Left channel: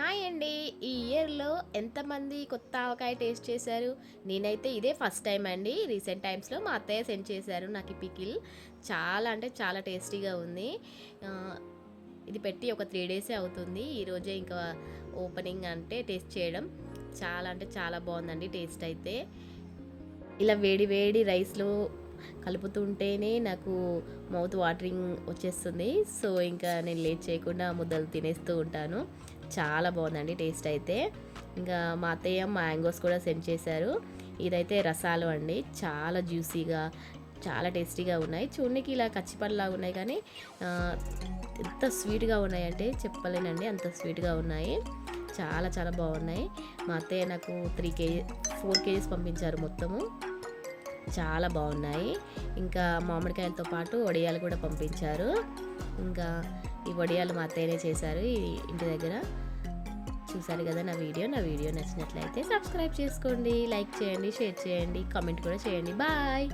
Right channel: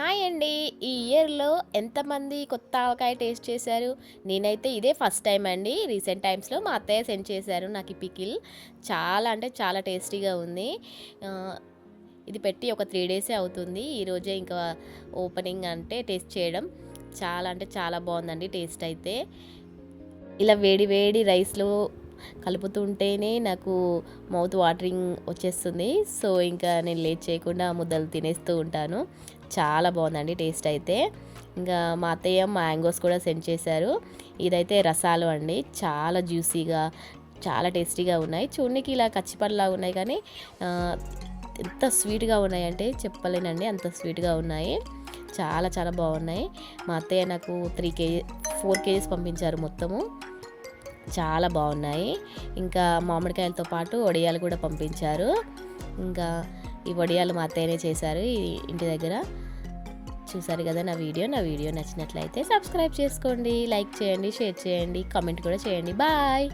Hi అండి. ఈ ఇయర్‌లో ఎంతమంది కొత్త ఆవకాయ టేస్ట్ చేశారు? నేనైతే ఇదే ఫస్ట్ టైమ్ అండి. రీసెంట్ టైమ్స్‌లో మా అత్తయ్య సెండ్ చేశారు నాకు ఈ పికిల్. చాలా అంటే చాలా టేస్టీగా ఉంది. ఆహ్, ఇది పెట్టి ఒక 3 డేసే అవుతుంది. ఈరోజే ఇంకా ఓపెనింగ్ అంటే టేస్ట్ చేయడం. చాలా అంటే చాలా బావుందండి టేస్ట్ అయితే. ఇలా వేడి వేడి రైస్‌లో కలుపుతుంటేనే నాకు మౌత్ వాటరింగ్ వచ్చేస్తుంది. సో, ఇంకా నేను లేట్ చేయకుండా ఆ ముద్దలు తినేస్తూ ఉంటాను. చాలా బావుందండి టేస్ట్ అయితే. ఇంకా మా అత్తయ్య మ్యాంగోస్ కూడా సెండ్ చేశారు. ఇదైతే రసాలు అండి. చాలా జ్యూసీగా, చాలా టేస్టీగా ఉన్నాయి. చూడనీకి ఇలా కచ్చిపల్లిలాగా ఉన్నాయి కానీ ఆహ్, ఎంత స్వీట్‌గా ఉన్నాయంటే చెప్పలేనండి. అంత స్వీట్‌గా ఉన్నాయి. చాలా చాలా బాగున్నాయి. మా అత్తయ్య నాకు 4 కేజీస్ పంపించారు మొత్తము. చాలా బాగున్నాయి. ఇంకా మామిడికాయలతో పాటు వడియాలు కూడా పంపించారు. ఇంకా ఈ వడియాలు మా అత్తయ్యనే చేశారు ఈ ఇంటి దగ్గర. చూసారు కదా నా వీడియో నచ్చినట్లయితే సబ్స్క్రైబ్ చేసుకోండి, లైక్ చేయండి, షేర్ చేయండి, కామెంట్ కూడా చేయండి. బాయ్.